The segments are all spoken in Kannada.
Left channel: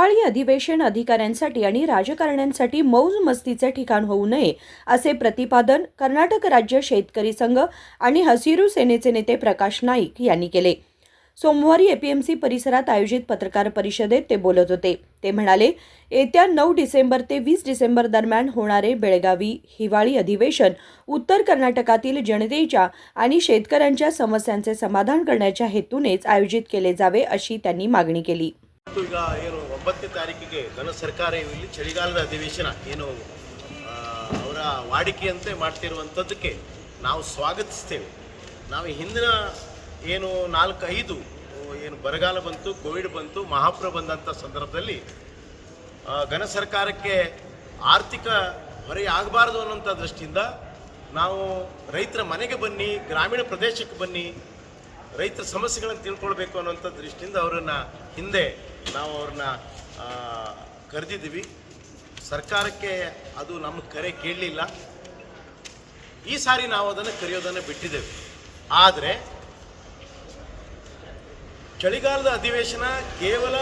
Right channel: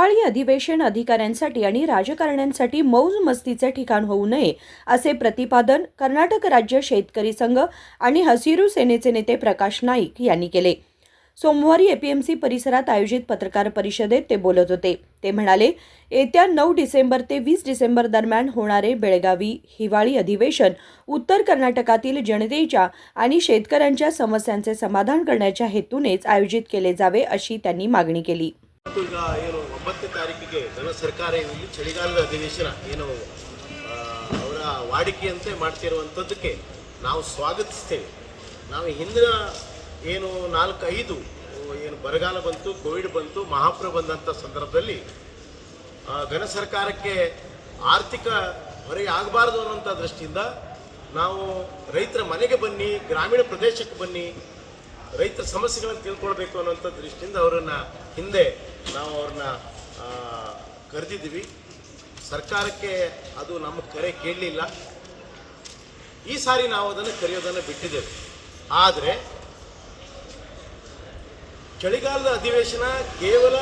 हिवाळी अधिवेशन अधिकाऱ्यांसाठी आणि राजकारण्यांसाठी मौज मस्तीचे ठिकाण होऊ नये असे प्रतिपादन कर्नाटक राज्य शेतकरी संघ आणि हसिरू सेनेचे नेते प्रकाश नाईक यांनी केले. सोमवारी एपीएमसी परिसरात आयोजित पत्रकार परिषदेत ते बोलत होते. ते म्हणाले, येत्या 9 डिसेंबर ते 20 डिसेंबर दरम्यान होणारे बेळगावी हिवाळी अधिवेशन उत्तर कर्नाटकातील जनतेच्या आणि शेतकऱ्यांच्या समस्यांचे समाधान करण्याच्या हेतूनेच आयोजित केले जावे अशी त्यांनी मागणी केली. ಈಗ ಏನು 9ನೇ ತಾರೀಕಿಗೆ ಘನ ಸರ್ಕಾರ ಇಲ್ಲಿ ಚಳಿಗಾಲದ ಅಧಿವೇಶನ ಏನು ಅವರ ವಾಡಿಕೆಯಂತೆ ಮಾಡ್ತಿರುವಂಥದ್ದಕ್ಕೆ ನಾವು ಸ್ವಾಗತಿಸ್ತೇವೆ. ನಾವು ಹಿಂದಿನ ಏನು 4-5 ಏನು ಬರಗಾಲ ಬಂತು, ಕೋವಿಡ್ ಬಂತು, ಮಹಾಪ್ರಭ ಬಂದಂಥ ಸಂದರ್ಭದಲ್ಲಿ ಘನ ಸರ್ಕಾರಕ್ಕೆ ಆರ್ಥಿಕ ಹೊರೆ ಆಗಬಾರ್ದು ಅನ್ನೋಂಥ ದೃಷ್ಟಿಯಿಂದ ನಾವು ರೈತರ ಮನೆಗೆ ಬನ್ನಿ, ಗ್ರಾಮೀಣ ಪ್ರದೇಶಕ್ಕೆ ಬನ್ನಿ, ರೈತರ ಸಮಸ್ಯೆಗಳನ್ನು ತಿಳ್ಕೊಳ್ಬೇಕು ಅನ್ನೋಂಥ ದೃಷ್ಟಿಯಿಂದ ಅವರನ್ನು ಹಿಂದೆ ನಾವು ಅವ್ರನ್ನ ಕರೆದಿದ್ದೀವಿ. ಸರ್ಕಾರಕ್ಕೆ ಅದು ನಮ್ಮ ಕರೆ ಕೇಳಲಿಲ್ಲ. ಈ ಸಾರಿ ನಾವು ಅದನ್ನು ಕರೆಯೋದನ್ನು ಬಿಟ್ಟಿದ್ದೇವೆ. ಆದರೆ ಚಳಿಗಾಲದ ಅಧಿವೇಶನ ಕೇವಲ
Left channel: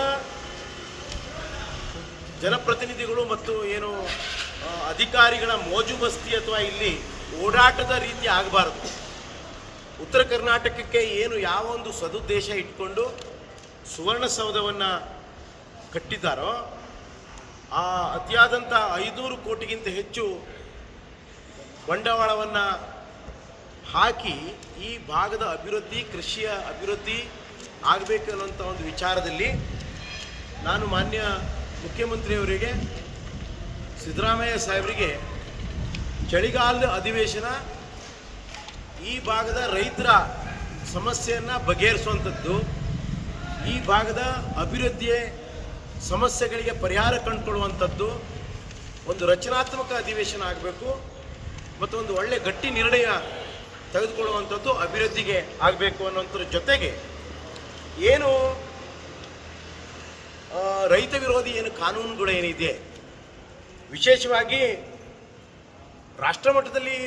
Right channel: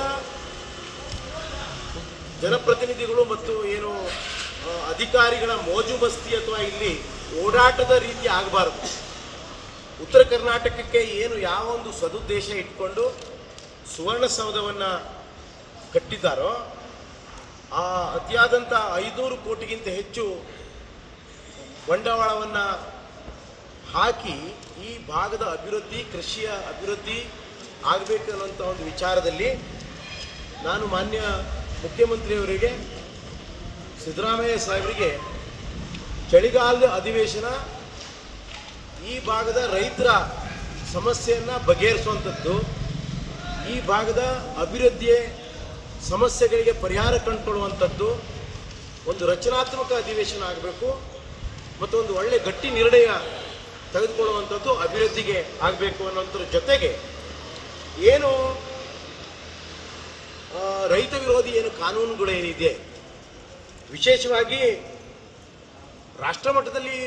ಜನಪ್ರತಿನಿಧಿಗಳು ಮತ್ತು ಏನು ಅಧಿಕಾರಿಗಳ ಮೋಜು ಮಸ್ತಿ ಅಥವಾ ಇಲ್ಲಿ ಓಡಾಟದ ರೀತಿ ಆಗಬಾರದು. ಉತ್ತರ ಕರ್ನಾಟಕಕ್ಕೆ ಏನು ಯಾವ ಒಂದು ಸದುದ್ದೇಶ ಇಟ್ಕೊಂಡು ಸುವರ್ಣಸೌಧವನ್ನು ಕಟ್ಟಿದ್ದಾರೋ ಆ ಅತಿಯಾದಂಥ 500 ಕೋಟಿಗಿಂತ ಹೆಚ್ಚು ಬಂಡವಾಳವನ್ನು ಹಾಕಿ ಈ ಭಾಗದ ಅಭಿವೃದ್ಧಿ, ಕೃಷಿಯ ಅಭಿವೃದ್ಧಿ ಆಗಬೇಕನ್ನೋಂಥ ಒಂದು ವಿಚಾರದಲ್ಲಿ ನಾನು ಮಾನ್ಯ ಮುಖ್ಯಮಂತ್ರಿಯವರಿಗೆ, ಸಿದ್ದರಾಮಯ್ಯ ಸಾಹೇಬರಿಗೆ ಚಳಿಗಾಲದ ಅಧಿವೇಶನ ಈ ಭಾಗದ ರೈತರ ಸಮಸ್ಯೆಯನ್ನು ಬಗೆಹರಿಸುವಂಥದ್ದು, ಈ ಭಾಗದ ಅಭಿವೃದ್ಧಿಯ ಸಮಸ್ಯೆಗಳಿಗೆ ಪರಿಹಾರ ಕಂಡುಕೊಳ್ಳುವಂಥದ್ದು ಒಂದು ರಚನಾತ್ಮಕ ಅಧಿವೇಶನ ಆಗಬೇಕು ಮತ್ತು ಒಂದು ಒಳ್ಳೆಯ ಗಟ್ಟಿ ನಿರ್ಣಯ ತೆಗೆದುಕೊಳ್ಳುವಂಥದ್ದು ಅಭಿವೃದ್ಧಿಗೆ ಆಗಬೇಕು ಅನ್ನೋಂಥದ್ರ ಜೊತೆಗೆ ಏನು ರೈತ ವಿರೋಧಿ ಏನು ಕಾನೂನುಗಳು ಏನಿದೆ, ವಿಶೇಷವಾಗಿ ರಾಷ್ಟ್ರ ಮಟ್ಟದಲ್ಲಿ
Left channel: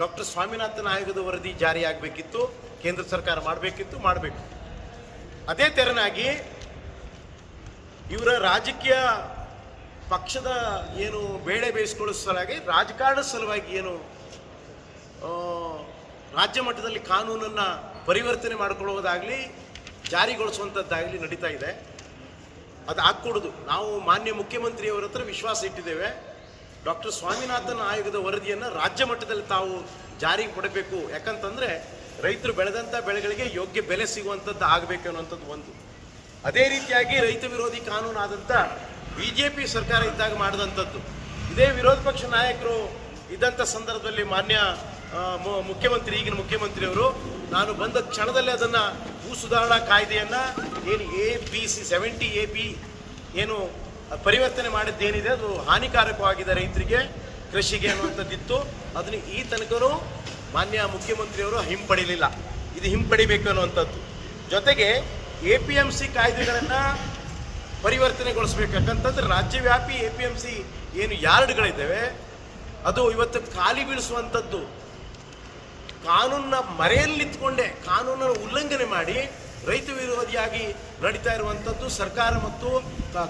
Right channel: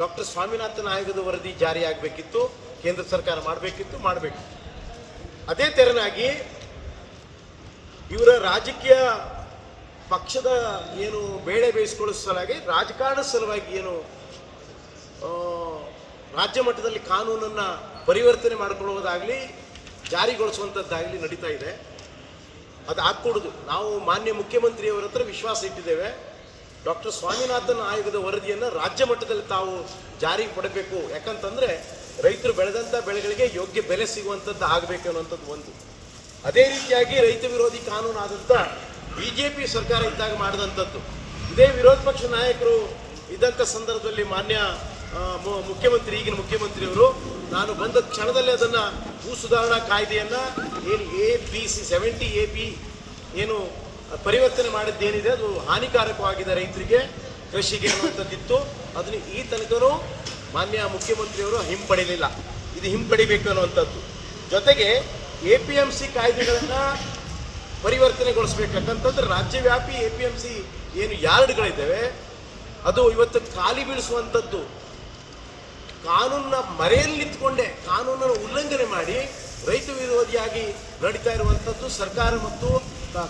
ಡಾಕ್ಟರ್ ಸ್ವಾಮಿನಾಥನ್ ಆಯೋಗದ ವರದಿ ಜಾರಿಯಾಗಬೇಕಿತ್ತು, ಕೇಂದ್ರ ಸರ್ಕಾರ ಮಾಡಬೇಕು. ಅದೇ ತೆರನಾಗಿ ಇವರ ರಾಜಕೀಯ ಪಕ್ಷದ ಏನು ಬೇಳೆ ಬೇಯಿಸಿಕೊಳ್ಳೋ ಸಲುವಾಗಿ, ರಾಜಕಾರಣದ ಸಲುವಾಗಿ ಏನು ರಾಜ್ಯ ಮಟ್ಟದಲ್ಲಿ ಕಾನೂನನ್ನು ಪರಿವರ್ತನೆ ಮಾಡಿಕೊಳ್ಳುವುದಾಗಲಿ, ಜಾರಿಗೊಳಿಸುವಂಥದ್ದಾಗಲಿ ನಡೀತಾ ಇದೆ. ಅದು ಆಗ್ಕೊಡೋದು. ನಾವು ಮಾನ್ಯ ಮುಖ್ಯಮಂತ್ರಿಯವರ ಹತ್ರ ವಿಶ್ವಾಸ ಇಟ್ಟಿದ್ದೇವೆ. ಡಾಕ್ಟರ್ ಸ್ವಾಮಿನಾಥನ್ ಆಯೋಗದ ವರದಿಯನ್ನು ರಾಜ್ಯ ಮಟ್ಟದಲ್ಲಿ ತಾವು ಜಾರಿಗೆ ಕೊಡಬೇಕು. ಯಾಕಂತಂದರೆ ರೈತರು ಬೆಳೆದಂಥ ಬೆಳೆಗಳಿಗೆ ಯೋಗ್ಯ ಬೆಲೆ ಸಿಗುವಂಥದ್ದು ಆಗಬೇಕು ಅನ್ನುವಂಥದ್ದು ಒಂದು. ಅದೇ ರೀತಿಯಾಗಿ ರೈತ ವಿರೋಧಿ ಕಾನೂನು ಆದಂಥ BJP ಸರ್ಕಾರ ಇದ್ದಾಗ ಮಾಡಿದಂಥದ್ದು, ಇದೇ ವಿರೋಧ ಪಕ್ಷ ನಾಯಕರು ಇದ್ದಂಥ ಸಂದರ್ಭದಲ್ಲಿ ಮಾನ್ಯ ಈಗಿನ ಮುಖ್ಯಮಂತ್ರಿಯವರು ನಾನು ಬಂದ ಕ್ಷಣದಲ್ಲೇ ಅದನ್ನು ಭೂ ಸುಧಾರಣಾ ಕಾಯ್ದೆಯನ್ನು ಏನು ABC 70AB ಏನು ಪರಿವರ್ತನೆ ಮಾಡಿದ್ದೇನಿದೆ ಅದು ಹಾನಿಕಾರಕವಾಗಿದೆ ರೈತರಿಗೆ, ಕೃಷಿಗೆ ಅನ್ನುವಂಥದ್ದಿತ್ತು. ಅದನ್ನು ಈ ತನಕನೂ ಮಾನ್ಯ ಮುಖ್ಯಮಂತ್ರಿಯವರು ಹಿಂಪಡಿಲಿಲ್ಲ. ಇದು ಹಿಂಪಡಿಬೇಕು ಅನ್ನುವಂಥದ್ದು. ಜೊತೆಗೆ APMC ಕಾಯ್ದೆಗಳನ್ನು ಪರಿವರ್ತನೆಗೊಳಿಸ್ಬೇಕು. ಯಾಕಂತಂದ್ರೆ ರಾಜ್ಯವ್ಯಾಪಿ APMC ಏನು ಯಾರ್ಡ್ಗಳಿದ್ದಾವೆ ಅದು ಇವತ್ತು ಖಾಲಿ ಬೀಳಿಸುವಂಥದ್ದು, ಕಾನೂನನ್ನ ಮರೆಯಲ್ಲಿ ನಿಂತ್ಕೊಂಡೆ ಕಾನೂನನ್ನು ಉಲ್ಲಂಘನೆ ಮಾಡಿ ರೈತ ವಿರೋಧಿಯಾಗಿ ನಡೀತಾ ಇರುವಂಥದ್ದು ಸರ್ಕಾರ ಮತ್ತು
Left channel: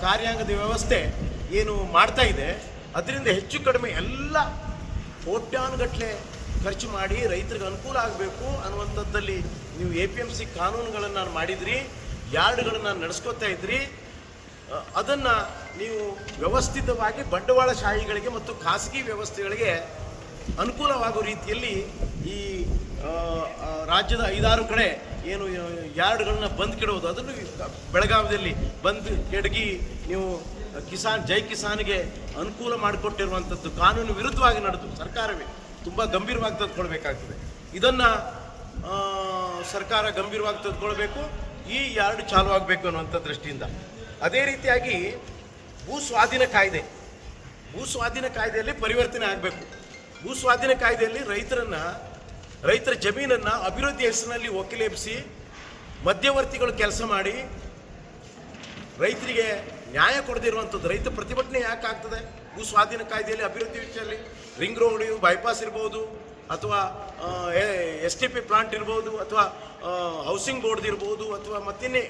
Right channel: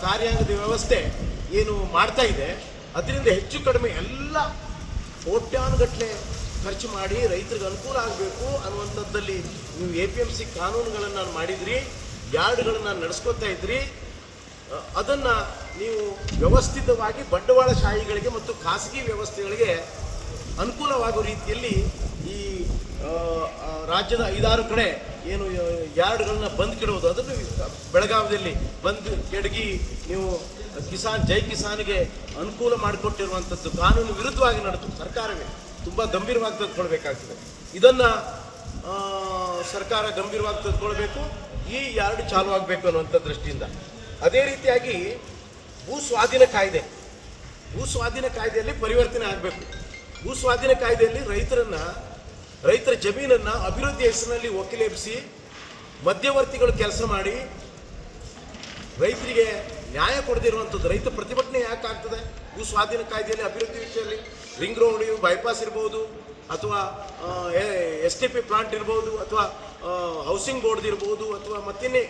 ಕಾರ್ಯಾಂಗದ ವ್ಯವಸ್ಥೆ ಏನು ಮಾಡ್ತಾ ಇದೆ. ಅದರಿಂದ ಹೆಚ್ಚು ಕಡಿಮೆ ಎಲ್ಲ ಕೋಟ್ಯಾನುಗಟ್ಟಲೆ ಖರ್ಚು ಮಾಡಿ ರೈತರಿಗೆ ಅನುಕೂಲ ಆಗಬೇಕು ಅನ್ನುವಂಥದ್ದಲ್ಲಿ ನೀವು APMC ಕಾನೂನುಗಳನ್ನು ಮಾಡಿದ್ರಿ, ಯಾರ್ಡ್ಗಳನ್ನು ನಡೆಸ್ಕೊತಾ ಇದ್ರಿ. ಅದನ್ನು ನೀವು ವ್ಯವಸ್ಥಿತವಾಗಿ ಬಂಡವಾಳಶಾಹಿಗಳಿಗೆ ಮತ್ತು ಖಾಸಗಿ ವ್ಯವಸ್ಥೆಗಳಿಗೆ ಅನುಕೂಲವಾಗುವ ರೀತಿಯಲ್ಲಿ ಈ ರಾಜ್ಯದ 5-6 ಕಡೆ ಏನು ಯಾರ್ಡ್ಗಳನ್ನ ಬಂದ್ ಕೆಡುವುದು, ಅದನ್ನು ಬೆಳಗಾವಿಯಲ್ಲಿ ಬಂದ್ ಕೆಡಗಿ ನೀವು ಜೈ ಕಿಸಾನ್ಗೆ ಅನುಕೂಲ ಮಾಡಿಕೊಟ್ಟಿರುವಂಥದ್ದು ಕಾನೂನು ವಿರುದ್ಧವಾಗಿ ನಡೆದು ಸರ್ಕಾರವೇ ತುಂಬ ಗಂಭೀರವಾಗಿ ತೆಗೆದುಕೊಳ್ಬೇಕಾಗ್ತದೆ. ಇದನ್ನು ಸರ್ಕಾರ ಗಂಭೀರವಾಗಿ ತೆಗೆದುಕೊಳ್ಬೇಕು. ಈ ಯಾರ್ಡ್ ಚಾಲು ಆಗಬೇಕು ಅನ್ನುವಂಥ ದೃಷ್ಟಿಯಿಂದ. ಅದೇ ರೀತಿಯಾಗಿ ಭೂ ಸ್ವಾಧೀನ ಕಾಯ್ದೆಯಲ್ಲಿ ಪರಿವರ್ತನೆ ಆಗಬೇಕು. ಭೂ ಸ್ವಾಧೀನ ಕಾಯ್ದೆಯಲ್ಲಿ ರೈತರ ಜಮೀನನ್ನು ಅಭಿವೃದ್ಧಿ ಹೆಸರಿನಲ್ಲಿ ಒಕ್ಕಲೆಬ್ಬಿಸಿ ಮಧ್ಯವರ್ತಿಗಳು ಕೆಲಸ ಮಾಡಿ ರೈತರಿಗೆ ನ್ಯಾಯ ಕೊಡದಿರುವಂಥದ್ದು. ರೈತ ಪ್ರತಿಭಟನೆ ಯಾಕೆ ಆಗ್ತದೆ? ಭೂ ಸ್ವಾಧೀನ ಕಾಯ್ದೆಯಲ್ಲಿ ಅಭಿವೃದ್ಧಿ ವಿಷಯದಲ್ಲಿ ರಿಂಗ್ ರೋಡ್, ಬೈಪಾಸ್ ಇರ್ಬೋದು ಅಥವಾ STP ಪ್ಲಾಂಟ್ ಇರ್ಬೋದು, ಅಥವಾ ಹೌಸಿಂಗ್ ಬೋರ್ಡ್ ಇರ್ಬೋದು, ಅಥವಾ ಮತ್ತಿನ್ನೇ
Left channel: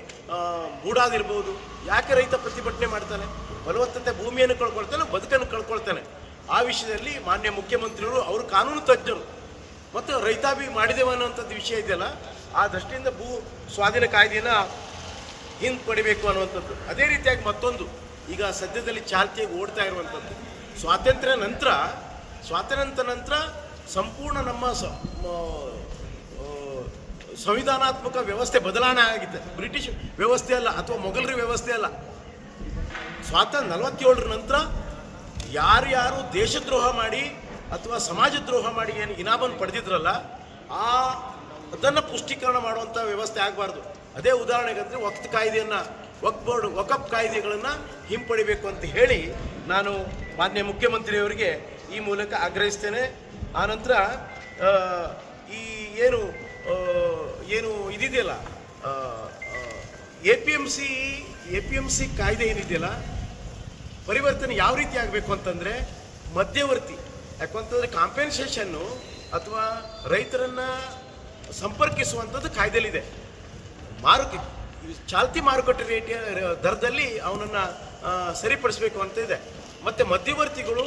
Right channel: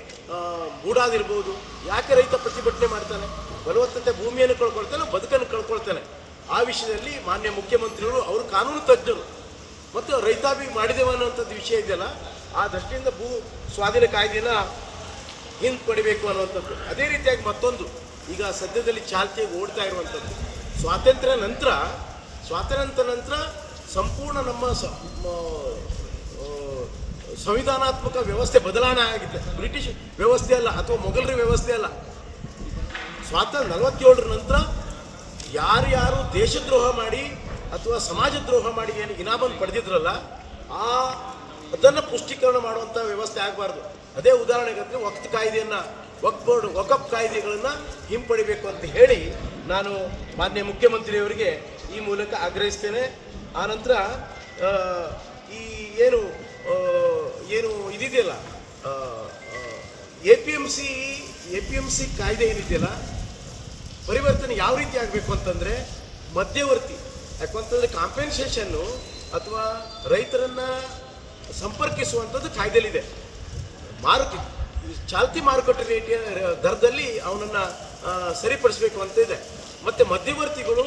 ಬೂಡಾದಿರ್ಬೋದು. ಯಾಕೆ ರೈತ ಪ್ರತಿಭಟನೆ ಮಾಡ್ತಾನೆ? ಫಲವತ್ತತೆ ಭೂಮಿಯನ್ನು ಕಳ್ಕೊಳ್ತಾನೆ, ಬದುಕನ್ನು ಕಳ್ಕೊಳ್ತಾನೆ. ಆ ವಿಷಯದಲ್ಲಿ ಮಾನ್ಯ ಮುಖ್ಯಮಂತ್ರಿಗಳು, ಅವರು ಕಾನೂನು ತಜ್ಞರು, ಮತ್ತು ರೈತಾಪಿ ಮಾಡಿದೇವ ಅನ್ನುವಂಥದ್ದು ವಿಷಯ ಇದೆಯಲ್ಲ, ಆ ದೃಷ್ಟಿಯಿಂದ ಭೂ ಸ್ವಾಧೀನ ಕಾಯ್ದೆಯನ್ನು ಹಿಂಪಡಿಬೇಕು ಅನ್ನುವಂಥದ್ದು. ಅದೇ ರೀತಿಯಾಗಿ ಮತ್ತೊಂದು ಈಗ ಸದ್ಯದಲ್ಲಿ ಚಾಲ್ತಿಯಾಗಿ ಓಡ್ತಾ ಇರುವಂಥದ್ದು, ಸ್ವಾತಂತ್ರ್ಯ ನಂತರ ಸಂಪೂರ್ಣ ನಮ್ಮ ಸಂವಿಧಾನಾತ್ಮಕ ವ್ಯವಸ್ಥೆ ಬದಲಾವಣೆ ಆಗಿದೆ. ಬ್ರಿಟಿಷ್ ವ್ಯವಸ್ಥೆ ಅಲ್ಲ, ಅಥವಾ ಮೊಘಲರ ವ್ಯವಸ್ಥೆ ಅಲ್ಲ. 47 ನಂತರ ಯಾರ್ಯಾರು ದೇಶದ್ರೋಹ ಮಾಡಿ ಅಥವಾ ಸಮಾಜದ್ರೋಹ ಮಾಡಿ ಏನು ಇನಾಮನ್ನು ಪಡೆದಿದ್ರಲ್ಲ, ಅದನ್ನು ಪುಷ್ಟೀಕರಣ ಮಾಡುವಂಥ ವ್ಯವಸ್ಥೆ ಆಗಬಾರ್ದು. ಅದೇ ಉದಾಹರಣೆಗಂದರೆ ವಕ್ಫ್ ಕಾಯ್ದೆಗಳನ್ನು ಹಿಂಪಡಿಬೇಕು ಅಂತ ಹೇಳಿ ನಾನು ಮಾನ್ಯ ಮುಖ್ಯಮಂತ್ರಿಯವರಿಗೆ ಈ ಮೂಲಕ ಆಗ್ರಹಿಸ್ತೇನೆ. ಆನಂತರ ಈ ಏನು ಇದಿದೆಯಲ್ಲ, APMC ಕಾಯ್ದೆ ಏನಿದೆಯಲ್ಲ, ಪರಿವರ್ತನೆ ಯಾವ ರೀತಿ ಆಗಬೇಕು ಅಂತಂದರೆ ಮಧ್ಯವರ್ತಿ, ಯಾಕಂತಂದರೆ ಕಾಂಪೆನ್ಸೇಷನ್ನು ಅಥವಾ ರೈತರನ್ನು ಸಂಪರ್ಕಿಸುವಂಥದ್ದು ಕಾಯ್ದೆಯಲ್ಲಿದೆ. ಚಾಲ್ತಿ ಮಾರುಕಟ್ಟೆ ರೇಟಿನ ದರದಲ್ಲಿ ಅವನನ್ನು ಸರಿಪಡಿಸಬೇಕು ಅಂತ ಇದೆ. ಮತ್ತು ಮಧ್ಯವರ್ತಿಗಳು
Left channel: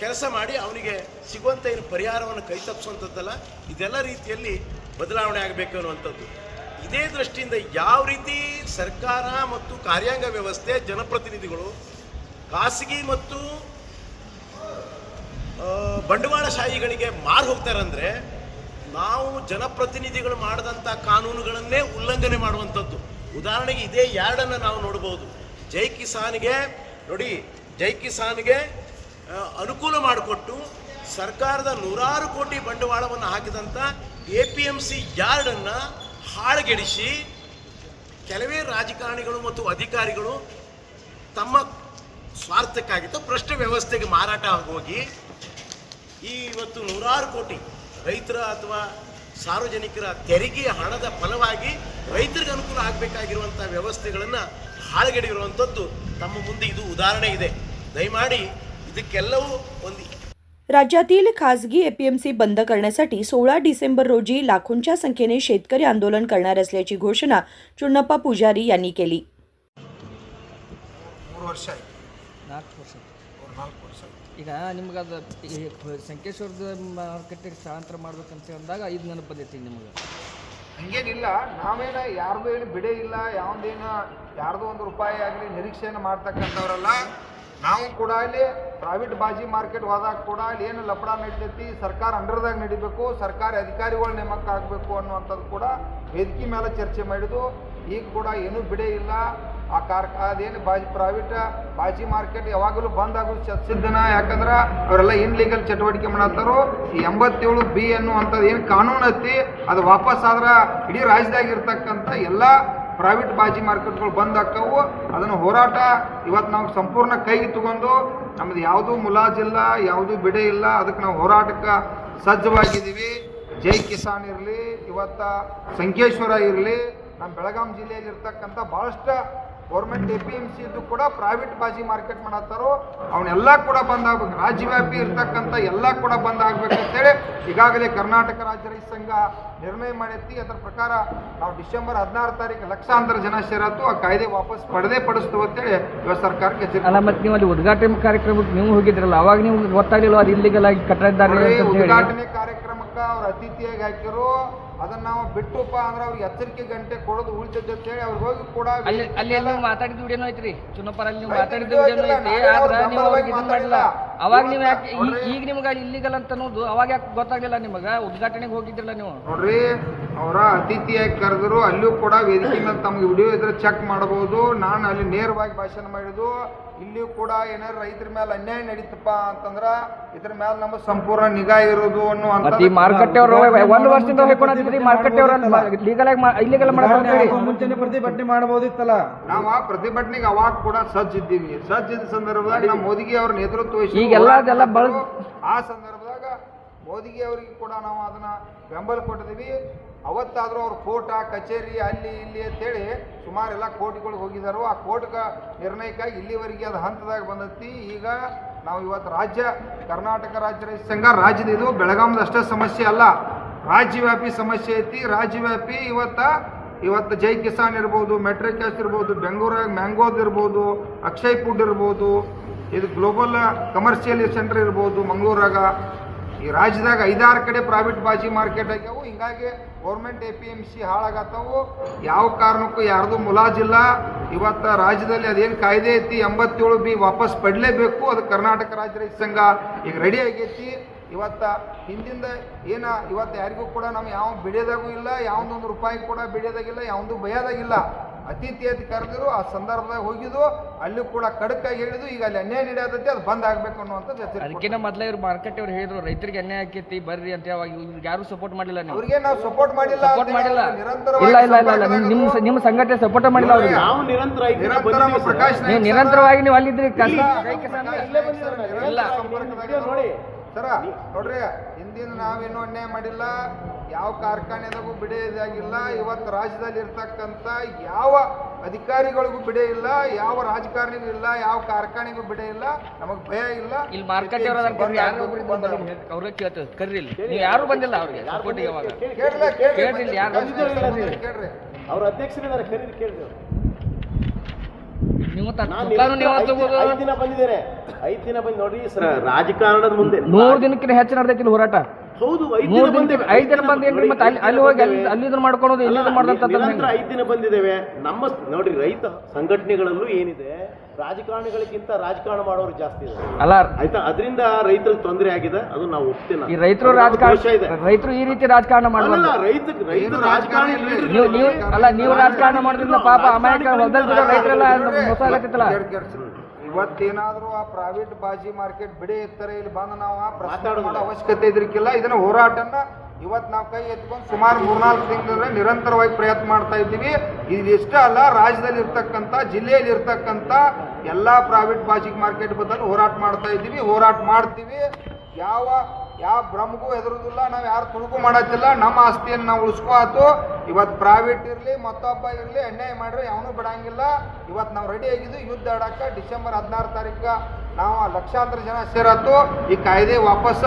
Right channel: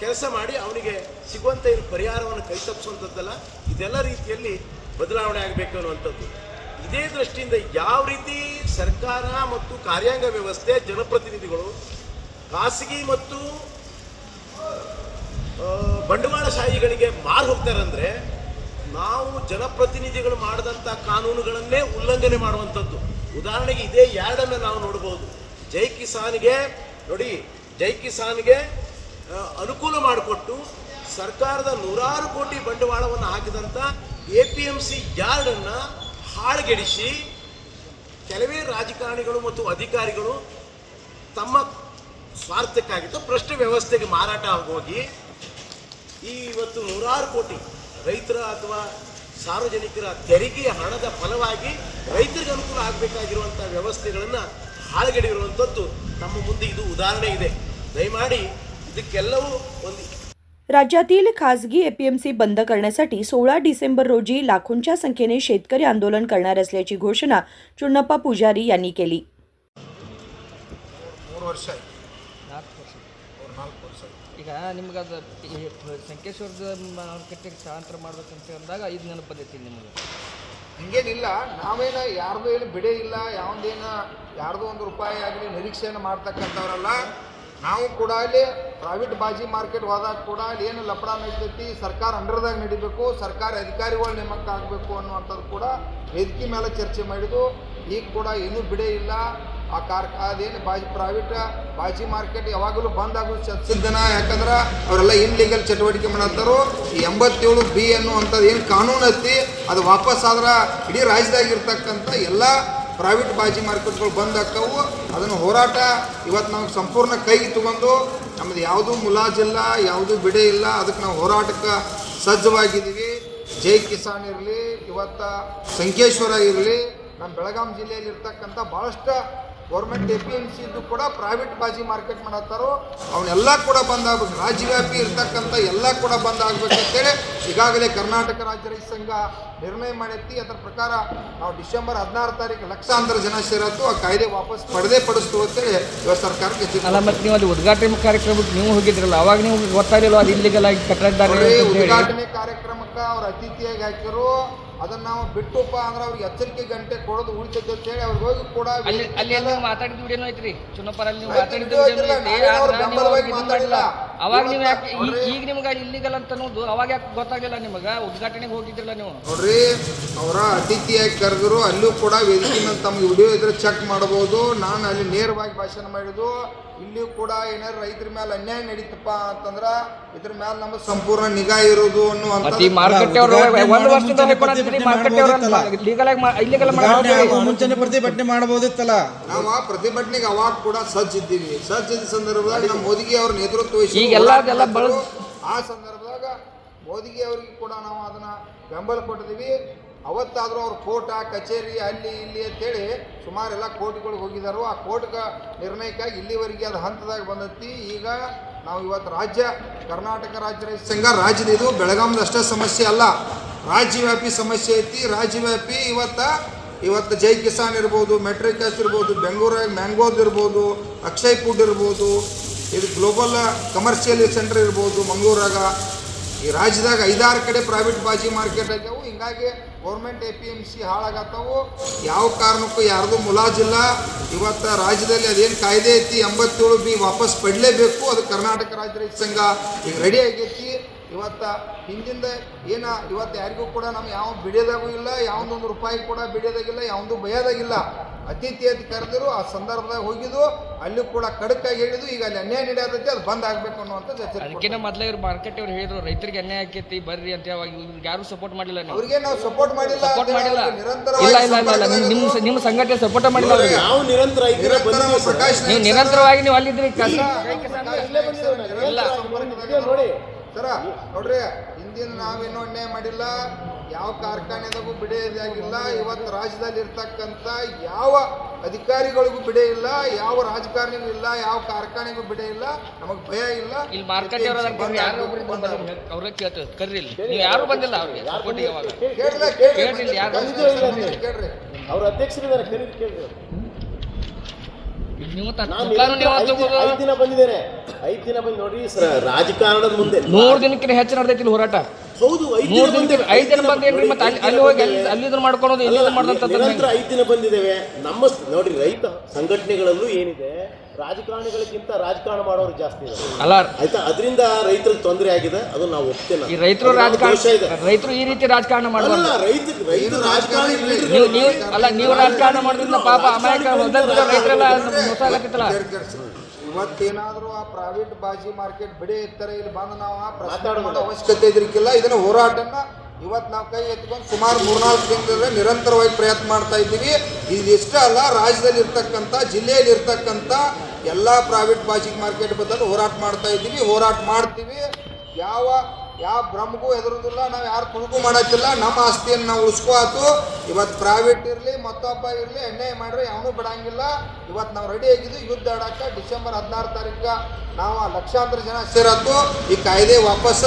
ಕೆಲಸ ಮಾಡಿ ಅವನಿಗೆ ಸಿಗುವಂಥ ಏನು ಪರಿಹಾರವನ್ನು ಕೈತಪ್ಪಿಸುವಂಥದ್ದಲ್ಲ, ಇದೆಲ್ಲ ರೀತಿಯಲ್ಲಿ ಬದಲಾವಣೆ ಆಗಬೇಕು ಅನ್ನುವಂಥದ್ದು. ಇದೇ ದೃಷ್ಟಿಯಿಂದ ಯಾವ ರೀತಿ ಸರ್ಕಾರ ಮತ್ತು ಕಾರ್ಯಾಂಗ ವ್ಯವಸ್ಥೆ, ಜನಪ್ರತಿನಿಧಿಗಳು ಖಾಸಗಿ ಮತ್ತು ಬಂಡವಾಳಶಾಹಿಗಳಿಗೆ ಮಾರು ಹೋಗ್ತಾರಂದರೆ, ನಾವು ಜನಪ್ರತಿನಿಧಿಗಳು ಮಾಡಿದಂಥ ಕಾನೂನುಗಳನ್ನೇ ಉಲ್ಲಂಘನೆ ಮಾಡುವಂಥದ್ದು. ಉದಾಹರಣೆಗೆ ಇದೇ ಯಾರ್ಡನ್ನು ನಾವು ನೋಡ್ಬೋದು. ಜೈ ಕಿಸಾನ್ಗೆ ಅನುಕೂಲ ಮಾಡಿಕೊಟ್ಟು ಸರ್ಕಾರದ 100 ಕೋಟಿ ಬಂಡವಾಳವನ್ನು ಹಾಕಿದಂಥ APMC ಯಾರ್ಡನ್ನು ಹಾಳುಗೆಡಿಸಿ ಕೆಲವೇ ರಾಜಕಾರಣಿಗಳು ಮತ್ತು ಅಧಿಕಾರಿಗಳು ತಮ್ಮ ಸ್ವಾರ್ಥಕ್ಕಾಗಿತ್ತು ಭ್ರಷ್ಟ ವ್ಯವಸ್ಥೆಗೆ ಮಾರಾಟ ಆಗೋಗಿ ಇವತ್ತು 100 ಕೋಟಿ ರೈತರ ಅಥವಾ ಸಾರ್ವಜನಿಕರ ತೆರಿಗೆಯ ಹಣದ ಫಲವಾಗಿ ರೈತರಿಗೆ ಅನುಕೂಲ ಆಗಬೇಕಾಗಿರುವಂಥ ವ್ಯವಸ್ಥೆಗಳನ್ನು ಹಾಳುಗೆಡಿರುವಂಥದ್ದು ನಮ್ಮ ಮುಂದೆ ಇದು ಉದಾಹರಣೆ ಇದೆ. ದಯಮಾಡಿ ಇದಕ್ಕೆಲ್ಲವೂ ಒಂದು राज्यातील खासगी APMC बंद करण्यासाठी 16 डिसेंबर रोजी लाखोंच्या संख्येने शेतकरी आंदोलन करणार असल्याची घोषणा चुन्नप्पा पुजारी यांनी केली. 4 ವರ್ಷ ಆಯ್ತು. 4 ವರ್ಷ ಈಗ ನಿಮ್ಗೆ ಅದು ಸಂಕೇಶ್ವರದ ಮಾರ್ಕೆಟಿಗೆ ಸ್ಥಳಾಂತರ ಮಾಡ್ಬೇಕಂತ ಅಂದಾಗ ಇದು ನೆನಪು ಬಂದೈತಿ ನಿಮಗೆ? ಹಂಗೇನಿಲ್ಲ, ನಾವೇನು ಯಾರ್ದು ಏನು ಬಿಡೇ ಇಲ್ಲ, ಯಾವುದೇನು ಯಾರ್ದು ಒಂದು ರೂಪಾಯಿ ಆಗಲಿ ನಿರೀಕ್ಷೆಯನ್ನು ಮಾಡ್ತಕ್ಕಂಥವ್ರಲ್ಲ. ನಾವು ಕೂಡ ಅಲ್ಲಿ ಪ್ರೈವೇಟ್ ಬಾಜಿ ಮಾರ್ಕೆಟ್ ಹೋದಾಗ ಕೂಡ ಅಲ್ಲಿ ಏನು ಲಪಡ ನಡೀತೈತಿ, ಸರ್ಕಾರ ಅಂಡರ್ದಾಗ ನಡಿಬೇಕು, ಸರ್ಕಾರಿ ಅಧಿಕಾರಿಗಳು ನೇಮಕ ಆಗಬೇಕು ಅನ್ನುವಂಥದ್ದು ಕೂಡ ವೇದಿಕೆ ಮೇಲೆ ಚರ್ಚೆ ಮಾಡಿದ್ದು. ಈಗ ಕೂಡ ಏನೂ ಬಿಡೇ ಇಲ್ಲ. ಅದೇನು ಪ್ರೈವೇಟ್ ಬಾಜಿ ಮಾರ್ಕೆಟ್ ಯಾವಾಗಲೂ ಬಂದ್ ಆಗೋದು ಸಿದ್ಧನ. ಯಾಕಂದ್ರೆ ಅವರೆಲ್ಲ ಇನ್ಲೀಗಲ್ ಚಟುವಟಿಕೆ ಮಾಡತ್ತಾರೋ. ಈ 87B ಅನ್ನುವಂಥದ್ದು ಏನು ಕಾನೂನು ಐತಿ, ಅದು ವಾಪಸ್ ಆದ್ರೆ ಇಡೀ ರಾಜ್ಯದಾಗಿರ್ತಕ್ಕಂಥ ಎಲ್ಲ ಪ್ರೈವೇಟ್ ಬಾಜಿ ಮಾರ್ಕೆಟ್ಗಳು ಬಂದ್ ಆಗ್ತಾವು. ಅದನ್ನು ಹೋರಾಟ ಇವತ್ತು ನಾವು ಸಂಪೂರ್ಣ ಕೈಗೆ ತಗೊಂಡು, ನಮ್ಮದು ಯಾವುದೂ ಮುಲಾಜಿಲ್ಲ, ಯಾವುದೂ ಬಿಡೆ ಇಲ್ಲ, ಅದಕ್ಕೆ ನಾವು ಹೋರಾಟಕ್ಕೆ ಸಜ್ಜವಾಗಿದ್ದೀವಿ. ಜೈ ಕಿಸಾನ್ ಇರಲಿ, ಇವತ್ತು ಸಂಕೇಶ್ವರ ಇರಲಿ, ನಮ್ಮ ಬೆಳಗಾಂ ಜಿಲ್ಲೆಯಲ್ಲಿ ಇರ್ತಕ್ಕಂಥ ಭಾಳಷ್ಟು ಗೌರ್ಮೆಂಟ್ APMC ಇದ್ದು ಕೂಡ ಪ್ರೈವೇಟ್ ಬಾಜಿ ಮಾರ್ಕೆಟ್ ಮಾಡತ್ತಾರೋ, ಅವನ್ನೆಲ್ಲ ಕೂಡ ಬಂದ್ ಆಗ್ಬೇಕು. ರಾಜ್ಯವ್ಯಾಪಿ ಇರ್ತಕ್ಕಂಥ ಎಲ್ಲ ಕೂಡ ಬಂದ್ ಆಗ್ಬೇಕಂತೇಳಿ ಈಗಾಗಲೇ ಕರ್ನಾಟಕ ರಾಜ್ಯ ರೈತ ಸಂಘ ನಿರ್ಣಯ ಮಾಡೈತಿ. ಅದರ ಪ್ರಕಾರ ನಾವು ಡಿಸೆಂಬರ್ 16 ತಾರೀಕು ಲಕ್ಷಾಂತರ ಜನ ಸೇರತ್ತು, ಆ ಕಾಯ್ದೆ ವಾಪಸ್ ಪಡಿಸ್ತು ಅಂತೇಳಿ ಇವತ್ತು ಸರ್ಕಾರಕ್ಕೆ ಅಲ್ಲ. ಮತ್ತು ನೀವು ಅಲ್ಲಿ ಉದ್ಘಾಟನೆ ಕಾರ್ಯಕ್ರಮಕ್ಕೆ ನೀವು ಹೋಗಿದ್ರಲ್ಲ, ಅವಾಗ ನೀವು ಗೊತ್ತಾಗಿಲ್ಲ ಅದು ಇಲ್ಲಿಗಲ್ ಆಗಿ ಕಟ್ಟಿದ್ದಾರೆ? ಉದ್ಘಾಟನೆ ಕಾರ್ಯಕ್ರಮಕ್ಕೆ ಅವ್ರು ಅತಿಥಿಯಾಗಿ ಹಾಕಿರು. ಅದನ್ನ ನಾವು ಬಿಟ್ಟುಪ್ಪ ಅಂದ್ರೆ ಅವ್ರಿಗೆ ಎಚ್ಚರಿಕೆ ಗಂಟೆ ಕೊಡೋದು ಉಳಿತೈತೆ ಅಂತೇಳಿ ಅವ್ರಿಗೆ ಹೋಗಿ ಕೂಡ ಮಾತಾಡಿದ ವಿಡಿಯೋನು ಐತ್ರಿ ಚುನ್ನಪ್ಪರಲ್ಲಿ ಮಾತಾಡಿದ ವಿಡಿಯೋನು ಐತಿ. ಅವಾಗ ನೀವು ಈಗ ನಿಮ್ಗೆ ಇಲ್ಲಿಗಲ್ ಅಂತ ಅನ್ನೋದು ಅವಾಗ ಯಾಕೆ ಗೊತ್ತಾಗಲಿಲ್ಲ ನಿಮಗೆ? ಉದ್ಘಾಟನೆಗೆ ಹೋಗಿದ್ರಲ್ಲ ನೀವು. ನೋಡ್ರಿ, ಅವರ ಅತಿಥಿಯಾಗಿ ಕರೆದ್ರು, ಅಲ್ಲೂ ಕೂಡ ವೇದಿಕೆ ಮೇಲೆ ತಮ್ಗೆ ವಿಡಿಯೋ ಇದ್ರೆ ಚೆಕ್ ಮಾಡಬಹುದು. ನಾನು ಅಲ್ಲಿ ನೇರವಾಗಿ ಭಾಷಣ ಮಾಡಿದ್ದು. ಇಲ್ಲಿಯೂ ಕೂಡ ಏನಾದ್ರು ರೈತರ ಮೇಲೆ ಅನ್ಯಾಯ ನಡೀತಪ್ಪ ಅಂತಂದ್ರೆ ಇದ್ರ ಮೇಲೆ ನಮ್ಮ ಸಂಪೂರ್ಣ ನಿಗಾ ಇರೋದು ಅನ್ನುವಂಥ ಮುಂಚೆನೆ ಪ್ರತಿಭಟನೆ ಮಾಡಬಹುದಿತ್ತಲ್ಲ. ನಾವು ಆ ಪ್ರತಿಭಟನೆಗೆ ಅವಾಗ ಕೂಡ ಸಜ್ಜಿದ್ದೀವಿ. ಸಜ್ಜಿದ ಸಂದರ್ಭದಾಗ ನಮ್ಮ ಮೋದಿಗೆ ಅವ್ರ ನೇತೃತ್ವ ವಹಿಸಿ ಆ ಸಂದರ್ಭದಾಗ ಮೋದಿಗೆ ಅವರಿಗೆ ಕೂಡ ನಾವು ಅದನ್ನ ಬೆಂಬಲ ಕೊಟ್ಟಿದ್ದೀವಿ. ಅವತ್ತಾದರೂ ಅವ್ರು ಕೋರ್ಟ ಕಚೇರಿ ಅಲ್ಲಿ ಇಲ್ಲಿ ಅಂತೇಳಿ ಸುಮಾರೆಲ್ಲ ಕೋರ್ಟ್ಗಳಿಗೆ ಹೋಗಿದ್ದಾರೋ. ಆ ಕೋರ್ಟ್ ನಿರ್ಣಯಕ್ಕಾಗಿ ಇಲ್ಲಿವರೆಗೆ ಅದು ಹಂತದಾಗ ಬಂದೈತಿ. ಈಗ ನಾವು ಇವತ್ತು ಕರ್ನಾಟಕ ರಾಜ್ಯ ರೈತ ಸಂಘ ರಾಜ್ಯದ ಇದು ಬೆಳಗಾಂದ ಅಷ್ಟೇ ಸಮಸ್ಯೆ ಅಲ್ಲ, ರಾಜ್ಯವ್ಯಾಪಿ ಸಮಸ್ಯೆ ಐತಿ. ರಾಜ್ಯವ್ಯಾಪಿ ಇವತ್ತು ಜೈ ಕಿಸಾನ್ ಇರ್ಬೋದು, ಮೆಟ್ರಿಕ್ಯಾಶ್ ಇರ್ಬೋದು, ಬೆಂಗಳೂರಾಗ ಮ್ಯಾಂಗೋದ್ ಇರ್ಬೋದು, ಅಕ್ಷಯ್ ಫುಡ್ ಇರ್ಬೋದು, ಇದು ಗ್ಲೋಬಲ್ ಕಮರ್ಷಿಯಲ್ ಸೆಂಟರ್ ಇರ್ಬೋದು ಮಂಗಳೂರಾಗ. ಈ ರಾಜ್ಯದಾಗ 5-6 ಕಡೆ ಪ್ರೈವೇಟ್ ಬಾಜಿ ಮಾರ್ಕೆಟ್ ಆಗ್ಯಾವು. ಹಿಂಗಾಗಿ ಗೌರ್ಮೆಂಟ್ APMC ಹಾಳಾಗತ್ತವು. ಯಾವ ಕಾರಣಕ್ಕೂ ಯಾರ್ದು ಮುಲಾಜಿಲ್ಲ. ಇವತ್ತು ರಾಜ್ಯದಲ್ಲಿ ಅದೇನು ಕಾಯ್ದೆ ಐತಿ 87B ವಾಪಸ್ ಪಡಲೇಬೇಕು. ಅದು ಕರ್ನಾಟಕ ರಾಜ್ಯ ರೈತ ಸಂಘ ಈಗ ರೆಡಿ ಆಗೈತಿ. ಇವತ್ತು ಹಿಂದಿಂದ ಇವತ್ತು ಯಾರಿಗೂ ಕೂಡ ನಮ್ಗೆ ಯಾವ ಬಿಡೋದಾಗೂ ಇಲ್ಲ, ಯಾವೊಂದೊಂದು ರೂಪಾಯಿ ಕೂಡ ಬಿಡೋದಾಗಿಲ್ಲ, ಯಾವೊಂದು ಭಯದಾಗಿಲ್ಲ. ಅತಿಥಿ ಅಂತ ಕರೆದಿರು ಆ ಸಂದರ್ಭದಾಗ ಹೋಗಿದ್ದು ಅಲ್ಲಿ ಕೂಡ ಖಡಕ್ಕಾಗಿ ಹೇಳಿದ್ದು. ಈಗ ಅಲ್ಲಿ ಅನ್ಯಾಯ ನಡೆಯತೈತಿ, ಅದು ಬಂದ್ ಆಗ್ಬೇಕು ಅನ್ನುವಂಥ ಅದಕ್ಕಿಂತ ಮೊದಲೇ ಇವ್ರು ಮಾರ್ಕೆಟ್ ಅವ್ರು ಹೇಳಿದ್ರು ರೈತರಿಗೆ ಅನ್ಯಾಯ ಆಕೈತಿ ಬರ್ರಿ ಅಂತ. ಯಾರು ಸಪೋರ್ಟ್ ಮಾಡಿಲ್ಲ ನೀವು. ಅವ್ರಿಗೆ ನಾವು ಸಪೋರ್ಟ್ ಮಾಡಿಲ್ಲ ಅಂತ ಮಾಡಿಲ್ಲ. ನಿರಂತರವಾಗಿ ನಿಮ್ಮ ಸಂಘಟನೆ ಸಪೋರ್ಟ್ ಮಾಡಿಲ್ಲ ಅವ್ರಿಗೆ. ನಾವು ನಿರಂತರ ಪ್ರಕಾಶ್ ನೀವು ನಿರಂತರವಾಗಿ ನೀವು ಅಲ್ಲಿದ್ರಿ ನೋಡಿ ಸರ ನೋಡ್ರಿ, ಹಿಂದಿನ ನಾವೇನು ಅನ್ಯಾಯ ಮಾಡಿಲ್ಲ, ಯಾವ ಕಾರ್ಖಾನೆದಾಗೂ ಬಿಡೆ ಇದಾಗಿಲ್ಲ. ಇವತ್ತು ರಾಜ್ಯದಲ್ಲಿ ಇರ್ತಕ್ಕಂಥ ಯಾವ ಅಧಿಕಾರಿಗಳಿಗೂ ಬಿಡೆ ಇಲ್ಲ, ಯಾವ ರಾಜಕಾರಣಿಗೂ ಇಲ್ಲ, ಯಾವ ಕಾರ್ಖಾನೆಗೂ ಬಿಡೆ ಇಲ್ಲ. ನಮಗೆ ಭಯ ಇಲ್ಲ. ಇಲ್ಲಿ ಮಾರ್ಕೆಟ್ ಅವ್ರ ಕೇಳ್ತೇವೆ ಕರ್ರಿ. ನೀವು ಯಾರು ಬಂದಿಲ್ಲ ಅವ್ರಿಗೆ ಕೇಳ್ರಿ. ಅವ್ರ ಅಧ್ಯಕ್ಷರಿದ್ದಾರೆ, ಕರೀರಿ, ಕೇಳಿ. ನೀವು ನಾನು 5 ದಿನ ಬಂದಿದ್ದೇನೆ. 5 ದಿನ ಬಂದು ನೋಡ್ರಿ ರಾಜಕಾರಣದ ಮುಂದೆ 3 ದಿನಕ್ಕಿಂತ ಹೆಚ್ಚು ನಡೆದೈತಿ ಹೊರಾಟ. ಹೌದು, 5 ದಿನ ಬಂದೇವೆ. 5 ದಿನ ಬಂದೇನ್ರಿ. ಮತ್ತೆ ಅಲ್ಲಿ ಹೋಗಿ ಅಲ್ಲಿ ಇದನ್ನ ಮಾಡ್ಕೊಳೋದು ನಿರಂತರ 5 ದಿನ ಬಂದಿದ್ದೇವೆ. ನಮ್ಮ ನೋಡ್ರಿ ರೈತ ಸಂಘಟನೆಗಳಲ್ಲೂ ಏನಿದೆ, ರಾಜಕಾರಣಿಗಳಿಗಿಂತ ರಾಜಕಾರಣ ಮಾಡೋರು ಜಾಸ್ತಿ ಇದೆ ಅಲ್ಲ. ಆಯ್ತಾ, ಅದರಿಂದ ರೈತರಿಗೆ ತೊಂದರೆ ಆಗಿದೆ. ಅದು ನಾವು ಒಪ್ತೇನೆ. ಈ ರೈತರು ರೈತರು ಈ ರೀತಿ ರಾಜಕಾರಣ ಮಾಡಲ್ಲ. ರೈತ ರಾಜಕಾರಣಿ ನೀವು ರಾಜಕಾರಣ ಮಾಡಿದ್ರೆ ಪಾಪ ಇವತ್ತೇನಾದ್ರೂ ಆ ಪ್ರೈವೇಟ್ ಬಾಜಿ ಮಾರ್ಕೆಟ್ ಬಿಡೆ ಇರ್ತಾರೆ, ಇಲ್ಲಿ ಬಂದು ನಾವು ಪ್ರಶ್ನೆ ಮಾಡೋ ಅವಶ್ಯಕತೆ ಇದ್ರಿಕ್ಕಿಲ್ಲ. ಇದನ್ನ ಹೋರಾಟನ ಇವತ್ತು ನಾವು ಕೈ ಎತ್ಕೊಂಡು ಸುಮಾರು 3-4 ತಿಂಗಳಿಂದ ನಿರಂತರವಾಗಿ ಪ್ರಯತ್ನ ಮಾಡ್ತಾ ಇದ್ದೀವಿ. ಇದಿಷ್ಟೇ ಅಲ್ಲ, ರಾಜ್ಯದಲ್ಲಿ ಇರ್ತಕ್ಕಂಥ ಜಿಲ್ಲೆಯಲ್ಲಿ ಇರ್ತಕ್ಕಂಥ ಎಲ್ಲ ಪ್ರೈವೇಟ್ ಬಾಜಿ ಮಾರ್ಕೆಟ್ ಬದಲು ಹೋರಾಟ ಮಾಡ್ತಾ ಇದ್ದೀವಿ, ಹೋರಾಟ ಮಾಡ್ತೀವಿ. ಯಾವ ಭ್ರಮಗೂ ಹೆದರುದಿಲ್ಲ, ನಾವು ಯಾರು ತುಳುಕು ಮಾಡತ್ತಿಲ್ಲ. ನಮ್ಮ ಆಸ್ತಿಯನ್ನು ನಾವು ಉಳಿಸ್ಕೋತು. ಇವತ್ತು ಪ್ರೈವೇಟ್ ಇರಲಿ ಮತ್ತೊಬ್ಬ ಇರಲಿ ಅನ್ಯಾಯ ಮಾಡ್ರೆ ಯಾವನೂ ಬಿಡಂಗಿಲ್ಲ. ಇವತ್ತು ನಾವು ರೆಡಿ ಆಗಿದ್ವಿ ಯುದ್ಧ ಆಡಕ್ಕೆ. ಡಿಸೆಂಬರ್ 16 ತಾರೀಕು ನಾವು ಲಕ್ಷಾಂತರ ಜನ ಸೇರತ್ತು. ಈ ಕಾಯ್ದೆ ವಾಪಸ್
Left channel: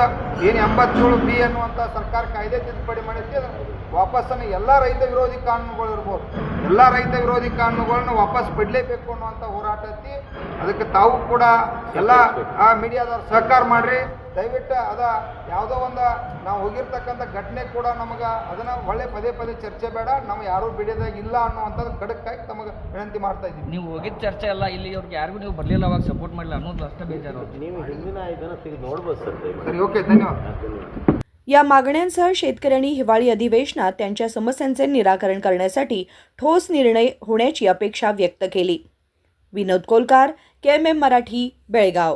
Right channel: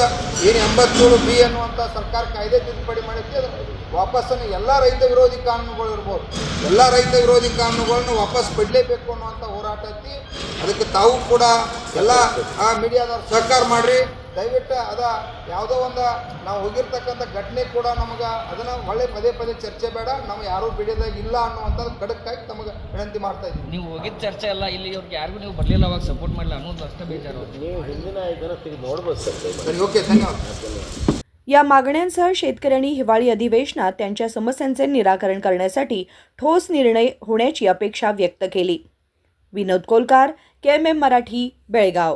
ಏನು 87B ಅನ್ನುವಂಥ ಸರ್ಕಾರ ಕಾಯ್ದೆ ತಿದ್ದುಪಡಿ ಮಾಡಿದ್ವಿ, ಅದನ್ನು ವಾಪಸ್ಸನ್ನು ಎಲ್ಲ ರೈತ ವಿರೋಧಿ ಕಾನೂನುಗಳು ಇರ್ಬೋದು, ಎಲ್ಲ ರೈತ ವಿರೋಧಿ ಕಾನೂನುಗಳನ್ನು ವಾಪಸ್ ಪಡಲೇಬೇಕು ಅನ್ನುವಂಥ ಹೋರಾಟ ಐತಿ. ಅದಕ್ಕೆ ತಾವು ಕೂಡ ಎಲ್ಲ ಮೀಡಿಯಾದವ್ರು ಸಹಕಾರ ಮಾಡಿರಿ. ದಯವಿಟ್ಟು ಯಾವುದೋ ಒಂದು ನಾವು ಹೋಗಿರ್ತಕ್ಕಂಥ ಘಟನೆ ಕೂಡ ನಮಗೆ ಅದನ್ನು ಒಳ್ಳೆ ಪದೇ ಚರ್ಚೆ ಬೇಡ. ನಾವು ಯಾರೂ ಬಿಡೋದಾಗ ಇಲ್ಲ ಅನ್ನುವಂಥದ್ದು ಖಡಕ್ಕಾಗಿ ತಮಗೆ ವಿನಂತಿ ಮಾಡ್ತಾ ಇದ್ದೀವಿ. ನೀವು ಹೋಗಿದ್ದ ಚರ್ಚೆ ಅಲ್ಲ, ಇಲ್ಲಿ ಇವ್ರಿಗೆ ಯಾರಿಗೂ ನೀವು ಬರಲಿಲ್ಲ, ಅವಾಗ ಸಪೋರ್ಟ್ ಮಾಡಲಿಲ್ಲ ಅನ್ನೋದು ಅಷ್ಟೇ ಬೇಜಾರು. ನೀವು ಹಿಂದಿನ ಇದನ್ನು ತೆಗೆದು ನೋಡ್ಬೋದು ಸರ್. ಸರಿ, ಓಕೆ, ಧನ್ಯವಾದ. या मागण्यांसह शेतकऱ्यांनी हिवाळी अधिवेशनात त्यांच्या समस्यांचे निराकरण करण्यासाठी ठोस निर्णय होण्याची अपेक्षा व्यक्त केली. विनोद कोलकार, KMM मराठी, बेळगाव.